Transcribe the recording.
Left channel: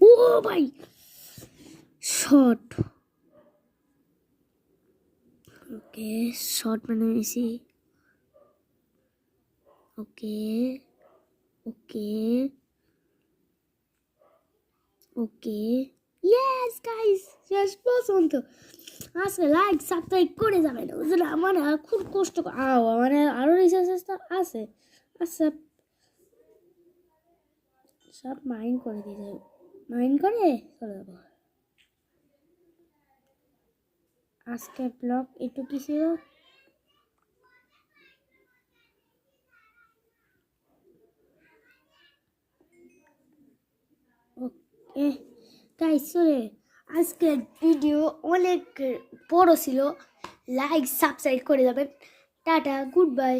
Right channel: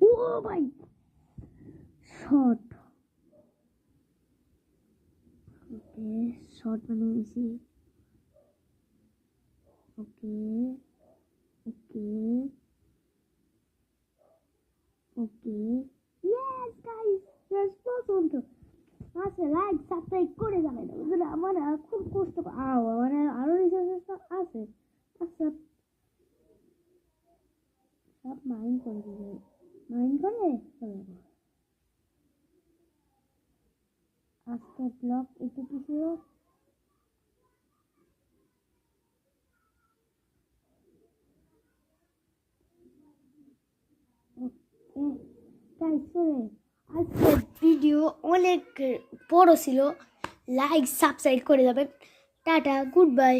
ও ভাই শর্ট ওকে শর্ট বানিয়েছি ওকে ওকে okay yes guys শেষ পর্যন্ত আজকে লাইক সাবস্ক্রাইব করে যাবেন ওদের আমার খুব কষ্ট আমার আরও রিসার্চ আছে আচ্ছা সব মাইন্ড করে দিয়ে যাবে মাইন্ড করে চলে যাবো আজকে ব্লগ একটু কি ছিল ওকে গাইস চলে আজকে ভিডিও অনেক বড় ছিল লাইক সাবস্ক্রাইব করে যাবেন টাটা গুড বাই